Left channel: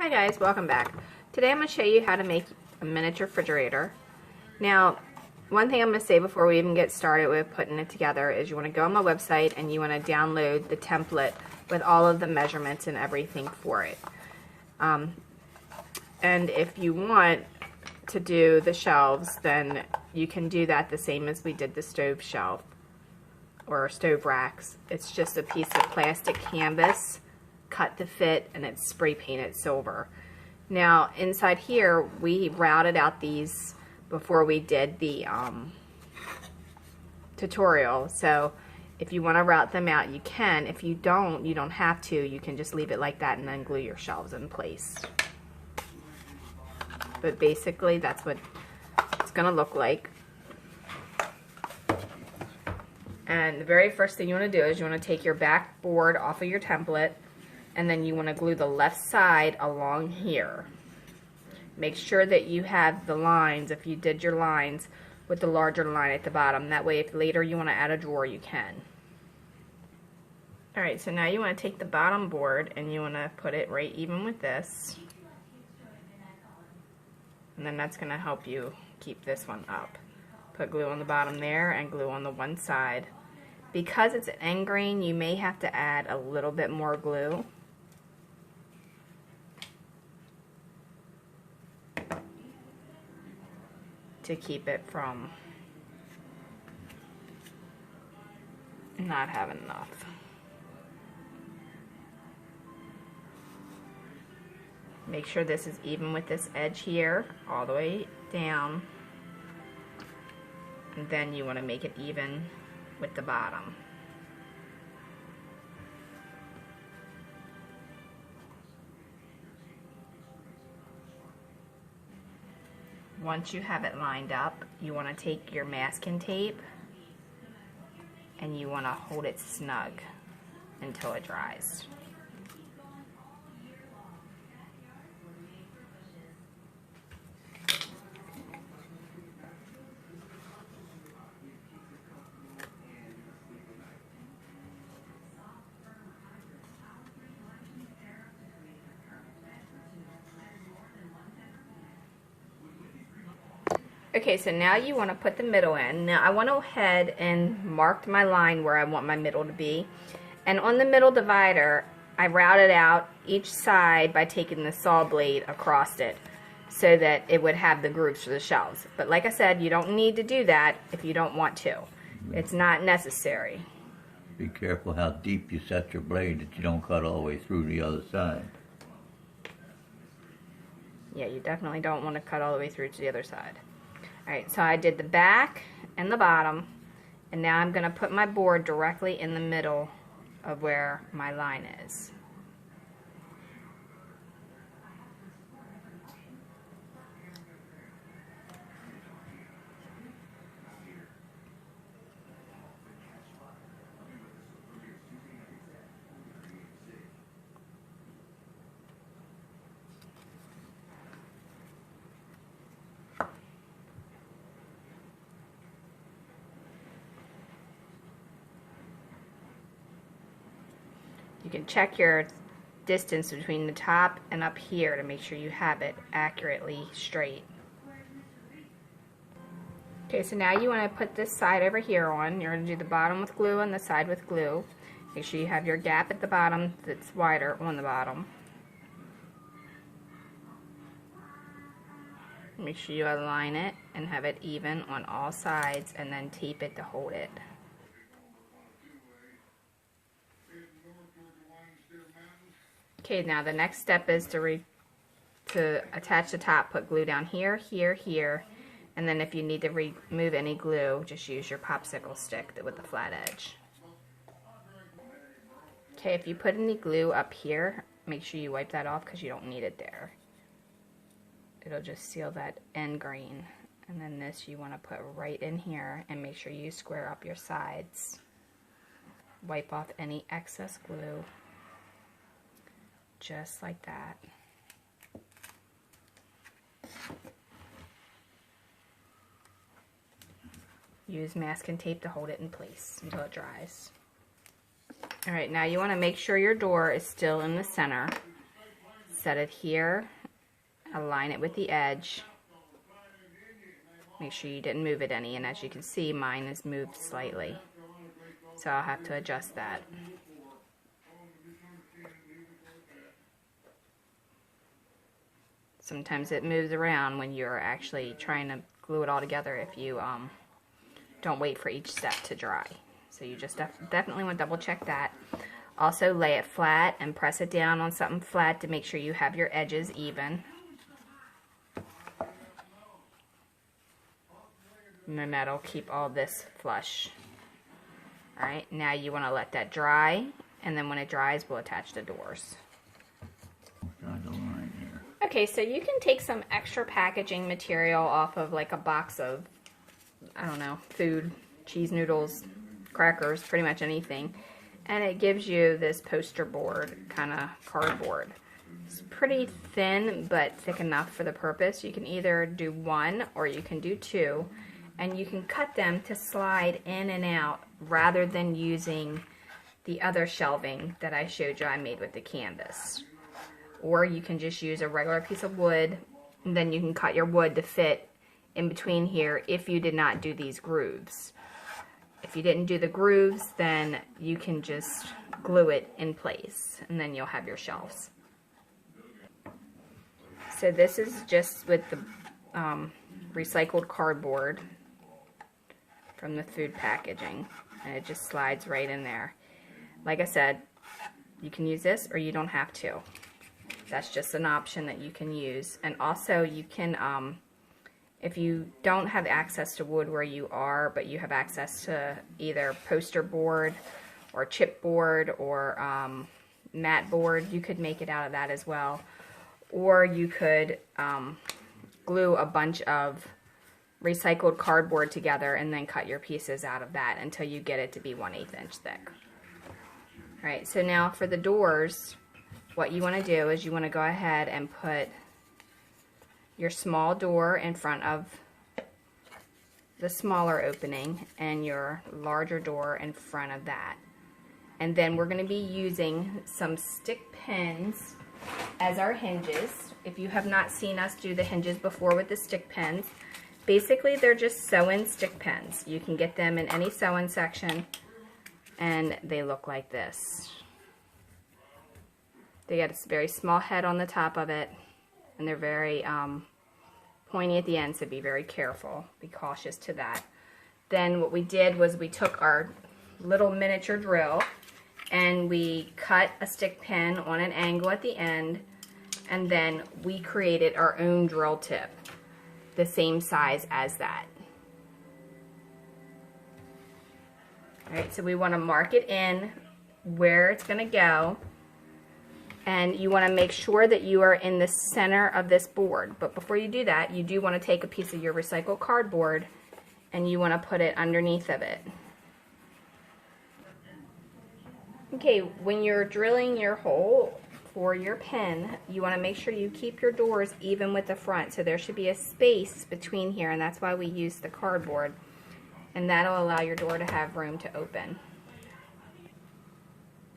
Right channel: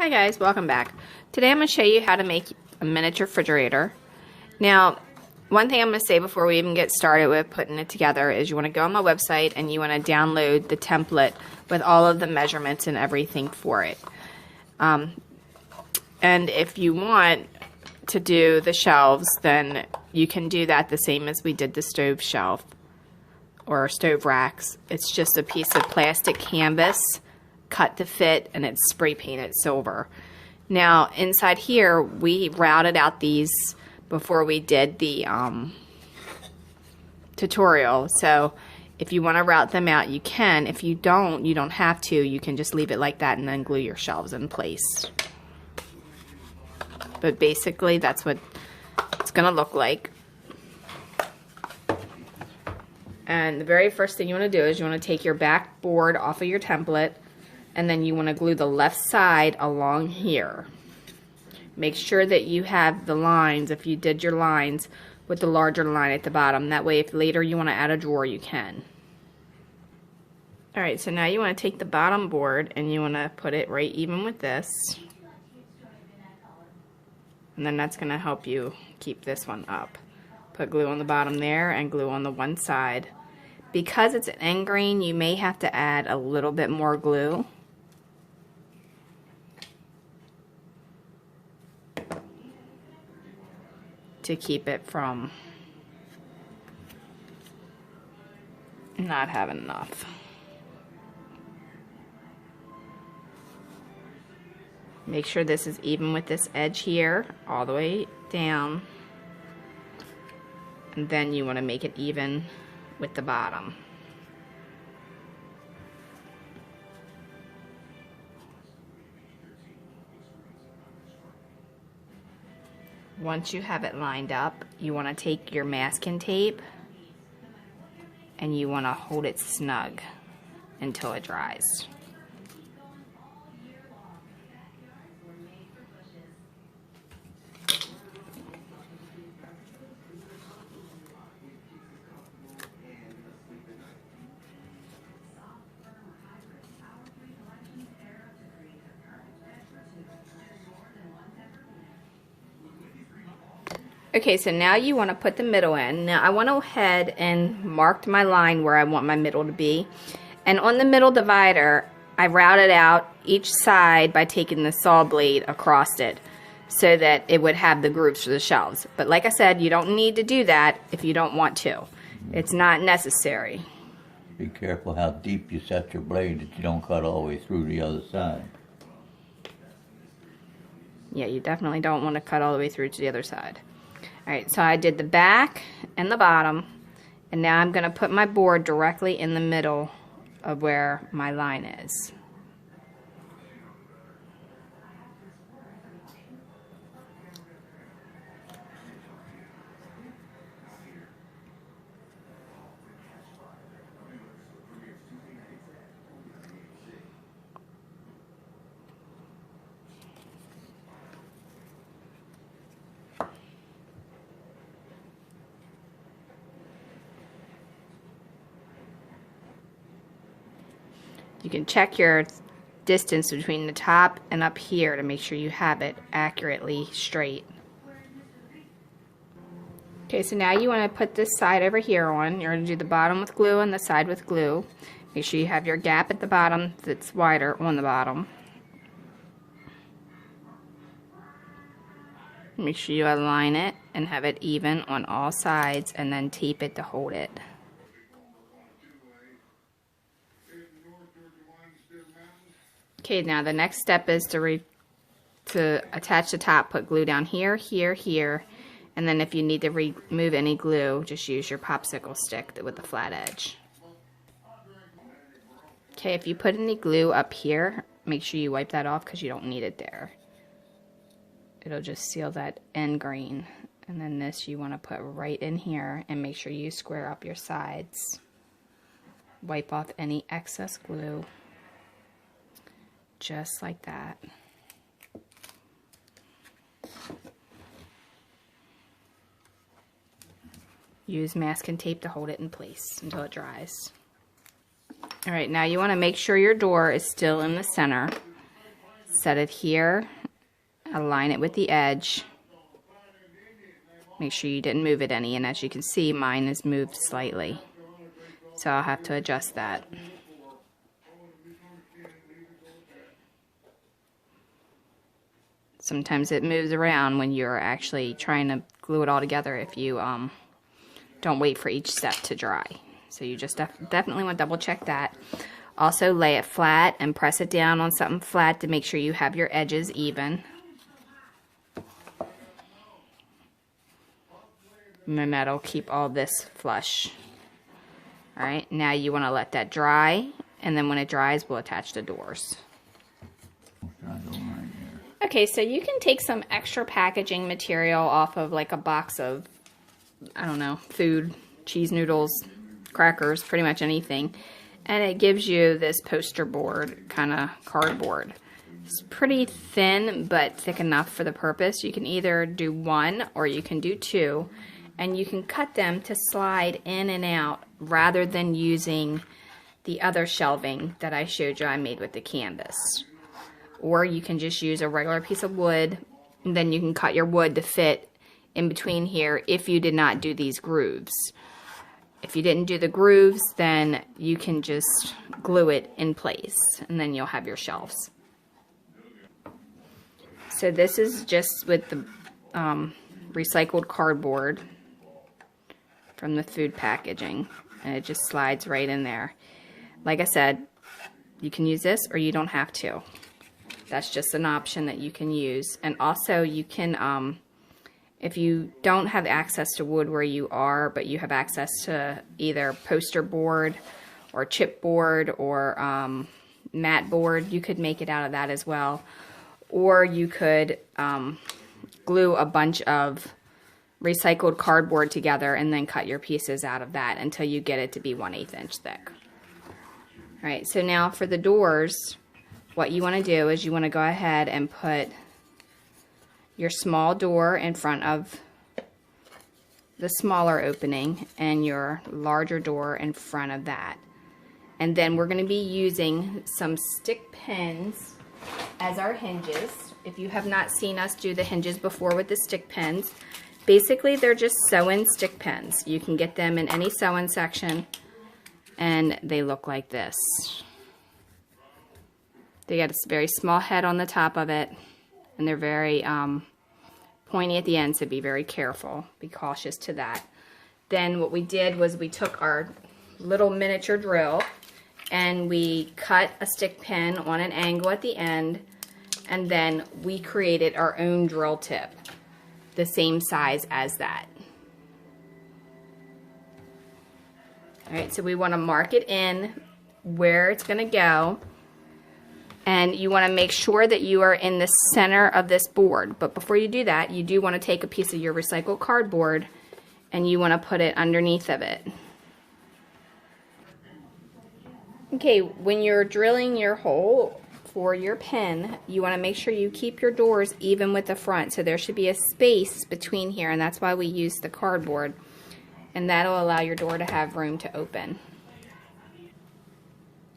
Hi guys, welcome back. Today I'm going to show you how to make a miniature refrigerator. Now, one thing I'm going to say before we even get started with putting it together is you want to go on my website and you want to download the template with all of the measurements and everything for it. And if you want to do the shelves, then you can do that the same as we did the stove shelf or stove racks. It's just a piece of plastic canvas cut to fit, and it's spray painted silver. Now inside here we routed out these before we did the tutorial, so if you want to route them out you can. If you don't, you don't have to. You can just leave it like that and then glue your shelves in place. But basically that's what it's gonna look like. And the very first thing you want to do is you want to take your back board off of your template, and then you want to glue the left side along here. Make sure that you have the lines, if you did your lines, with the larger line at the bottom. That way if later you want to add a drawer, you can. Alright, so now you want to take the bottom board and you want to put it right even with this. And then that's going to help you keep this one up. Put glue on the bottom there and glue on the one side. Because it's an end grain, you may have to add a little bit more glue. To keep it from not having enough. Make sure this is even with this edge here, all the way down. And then you want to make it even with the bottom. Once you have it lined up, you want to take your masking tape and you want to hold it snug until it dries. Okay, so now you want to put the middle in. Now I went ahead and marked my line where I want my middle to be. And on the middle divider, I routed out each side by taking the saw blade across it so that it would have the grooves for the shelves. But like I said, you don't need to do that if you don't want to. It's not necessary. Be careful how deep you set your blade that you don't cut all the way through the other side. Yeah, you definitely don't want to cut all the way through to the other side. Alright, so I did the back and the bottom, and now I'm going to put my board directly in the middle of where my line is. You can check your distance between the top and up here to make sure you have it accurately straight. Okay, so now you want to put this side over here on. You're going to do the bottom with glue and the side with glue. Make sure you have your gap at the bottom that's wider on the bottom. Make sure you align it and have it even on all sides, and then tape it to hold it. Okay, now the next step is to attach the top. Put glue down here, here, here, and then if you need to remove any glue, just use your popsicle stick with the flat edge. Okay, if you put any glue up here, make sure you wipe that off because you don't need it there. It'll just seal that end grain. And then this you want to put right in here, and make sure you square up your sides. Wipe off any excess glue. Just like that. Use masking tape to hold it in place until it dries. Alright, now you want to make sure your door is still in the center. set it here, align it with the edge. Make sure you didn't move it any, and as you can see, mine is moved slightly. So I'll have to adjust that. Sometimes it moves around when you're actually trying to glue it all together if you don't wait for each step to dry. So you just definitely want to double check that. Also lay it flat and press it down on something flat to make sure you have your edges even. And then that'll keep all this flush. Alright, now you want to let that dry, and then when it dries, we'll attach the doors. Okay, so you can take some extra packaging material off of like a box of, I don't know, food, cheese noodles, crackers, pretty much anything. And it gives you this poster board kind of cardboard. It's pretty thin, but thick enough for the purpose. You can either do one or you can do two. And you can cut them to slide in and out rather than using the other shelving that I showed you I made with the canvas. Or you can just use a regular piece of wood, and then you can cut your wood to fit in between here if you did not do these grooves. If you didn't do the grooves, then you can just glue it in place, and then you'll have your shelves. So this is just with the recycled cardboard from the food packaging, and it just slides right in there. Like I said, you can use this or you don't have to. That's just an option that you can use. And also you can, if you don't have access to wood where you are, but you have access to either poster board or chipboard or mat board, you could make it out of that as well. Or you could glue a bunch of recycled cardboard together and then cut your pieces out of that until you get it to be 1/8 inch thick. All right, so now for the doors, what you want to do is you want to go ahead and put your small door in front of the smaller opening and your larger door in front of that. And then we're going to be using some stick pins as our hinges. If you have not seen us do the hinges before with the stick pins, basically they're just sew-in stick pins. You can get them in any sew-in section, and they look like this. They got a very small head on the top of it, and they're very pointy at the end, so be very careful. Be cautious to that. Then what we did was we took our little miniature drill and we cut a stick pin on an angle at the end, and then we created our own drill tip, the same size as that. Alright, so we want to mark it in where it's going to go, and you want to make sure that you are in the center of this board. But before you do that, you do want to take a piece of your recycled cardboard and you want to put it underneath of it. Okay, when you're drilling your hole for your pin, you want to make sure you keep your doors even with the front. So there should be a space between here, and that's why we use the cardboard. And that'll allow your door to have room to open.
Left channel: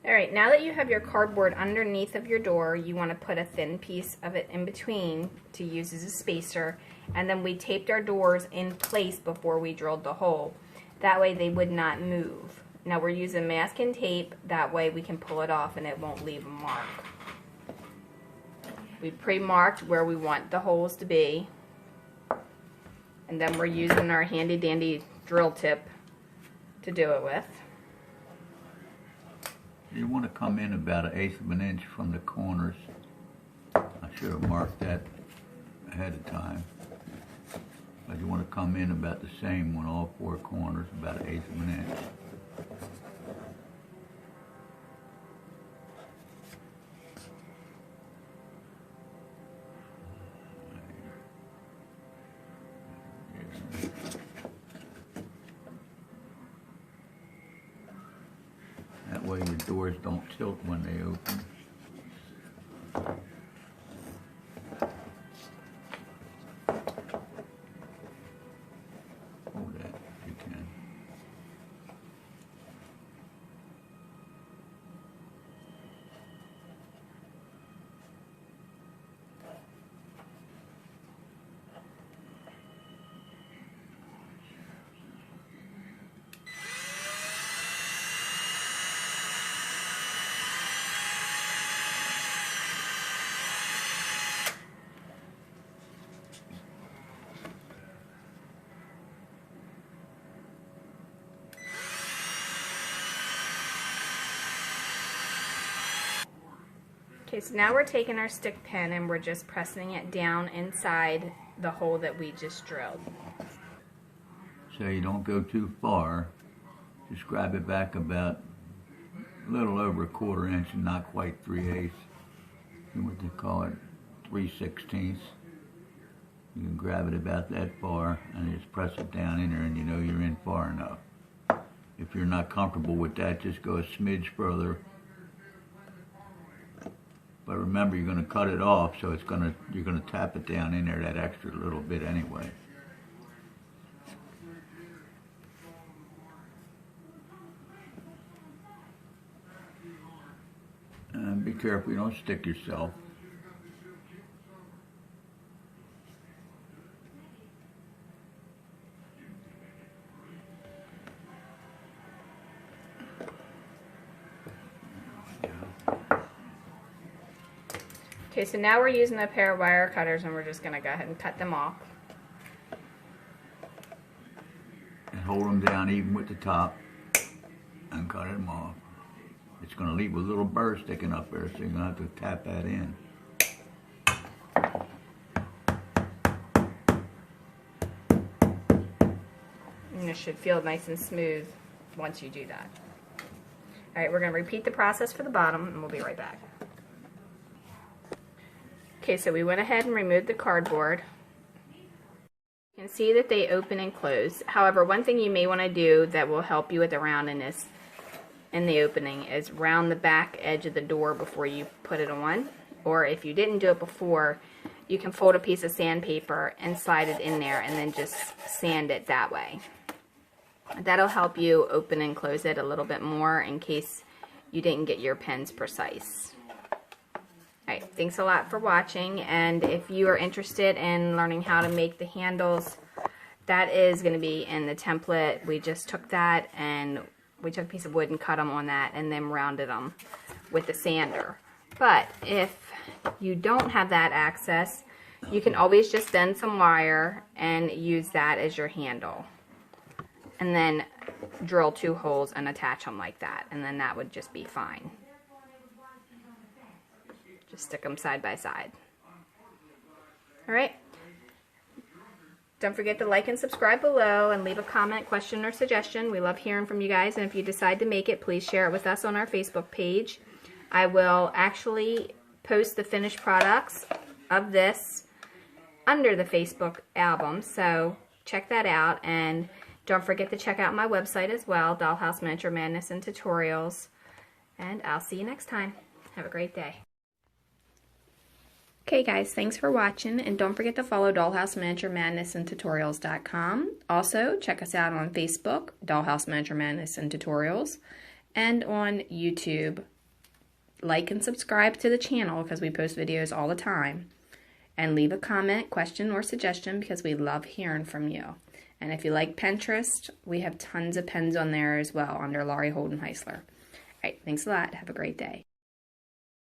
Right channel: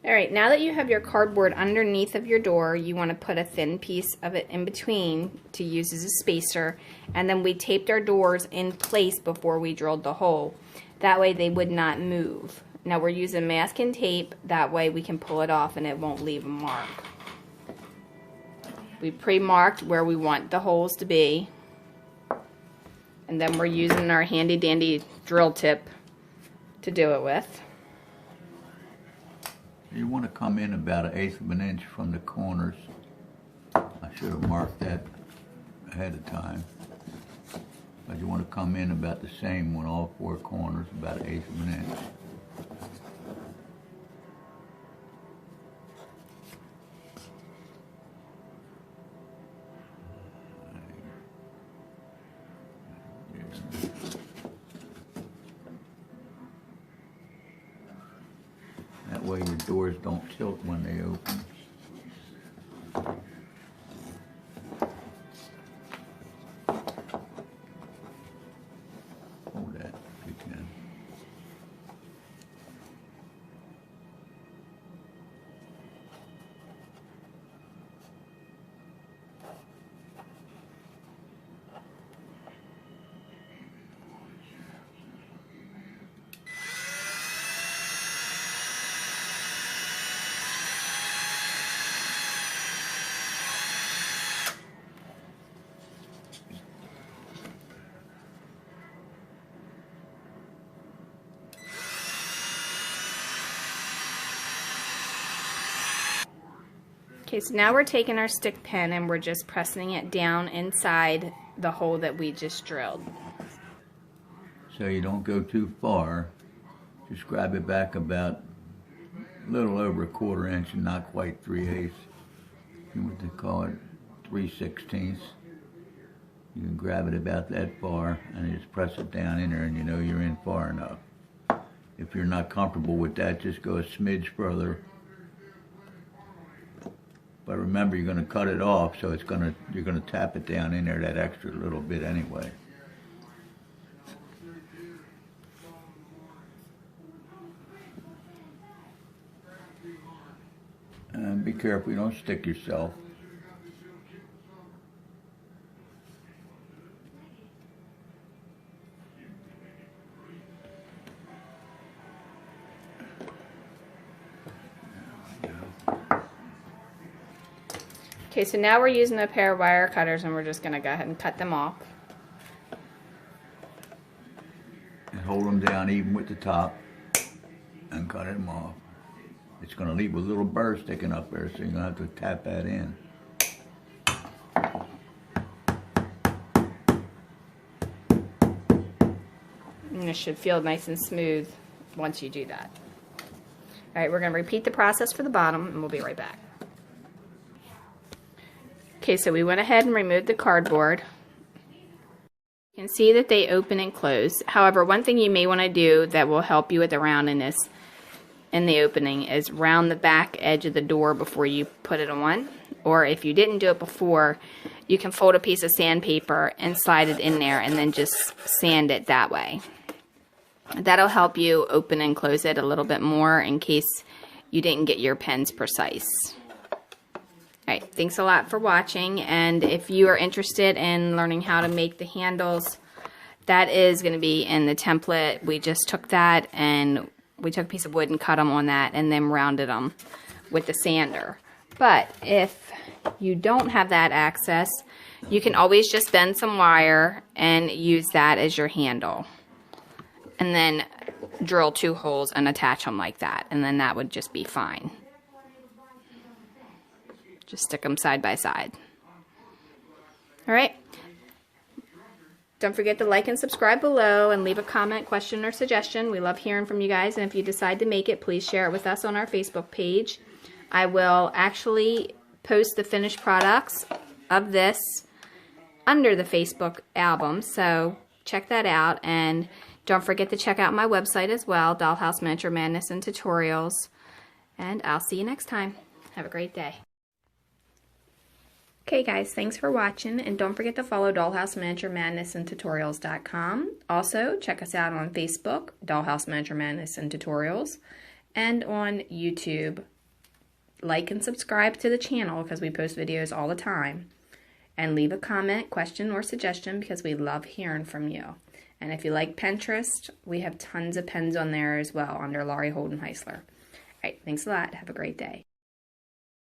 Alright, now that you have your cardboard underneath of your door, you want to put a thin piece of it in between to use as a spacer. And then we taped our doors in place before we drilled the hole. That way they would not move. Now we're using masking tape, that way we can pull it off and it won't leave a mark. We pre-marked where we want the holes to be. And then we're using our handy dandy drill tip to do it with. You want to come in about 1/8 of an inch from the corners. I should have marked that ahead of time. But you want to come in about the same on all 4 corners, about 1/8 of an inch. That way your doors don't tilt when they open. Hold that if you can. Okay, so now we're taking our stick pin and we're just pressing it down inside the hole that we just drilled. So you don't go too far. Just grab it back about a little over 1/4 inch and not quite 3/8. You want to call it 3/16. You can grab it about that far and just press it down in there, and you know you're in far enough. If you're not comfortable with that, just go a smidge further. But remember, you're going to cut it off, so you're going to tap it down in there that extra little bit anyway. And be careful you don't stick yourself. Okay, so now we're using a pair of wire cutters and we're just going to go ahead and cut them off. And hold them down even with the top and cut them off. It's going to leave a little burr sticking up there, so you're going to have to tap that in. And it should feel nice and smooth once you do that. Alright, we're going to repeat the process for the bottom and we'll be right back. Okay, so we went ahead and removed the cardboard. You can see that they open and close. However, one thing you may want to do that will help you with the roundness in the opening is round the back edge of the door before you put it on. Or if you didn't do it before, you can fold a piece of sandpaper and slide it in there and then just sand it that way. That'll help you open and close it a little bit more in case you didn't get your pins precise. Alright, thanks a lot for watching, and if you are interested in learning how to make the handles, that is going to be in the template. We just took that and we took a piece of wood and cut them on that and then rounded them with the sander. But if you don't have that access, you can always just bend some wire and use that as your handle. And then drill 2 holes and attach them like that, and then that would just be fine. Just stick them side by side. Alright. Don't forget to like and subscribe below and leave a comment, question, or suggestion. We love hearing from you guys, and if you decide to make it, please share it with us on our Facebook page. I will actually post the finished products of this under the Facebook album, so check that out, and don't forget to check out my website as well, Dollhouse Miniature Madness and Tutorials, and I'll see you next time. Have a great day. Okay guys, thanks for watching, and don't forget to follow Dollhouse Miniature Madness and Tutorials.com. Also, check us out on Facebook, Dollhouse Miniature Madness and Tutorials, and on YouTube. Like and subscribe to the channel because we post videos all the time. And leave a comment, question, or suggestion because we love hearing from you. And if you like Pinterest, we have tons of pins on there as well under Laurie Holden Heisler. Alright, thanks a lot. Have a great day.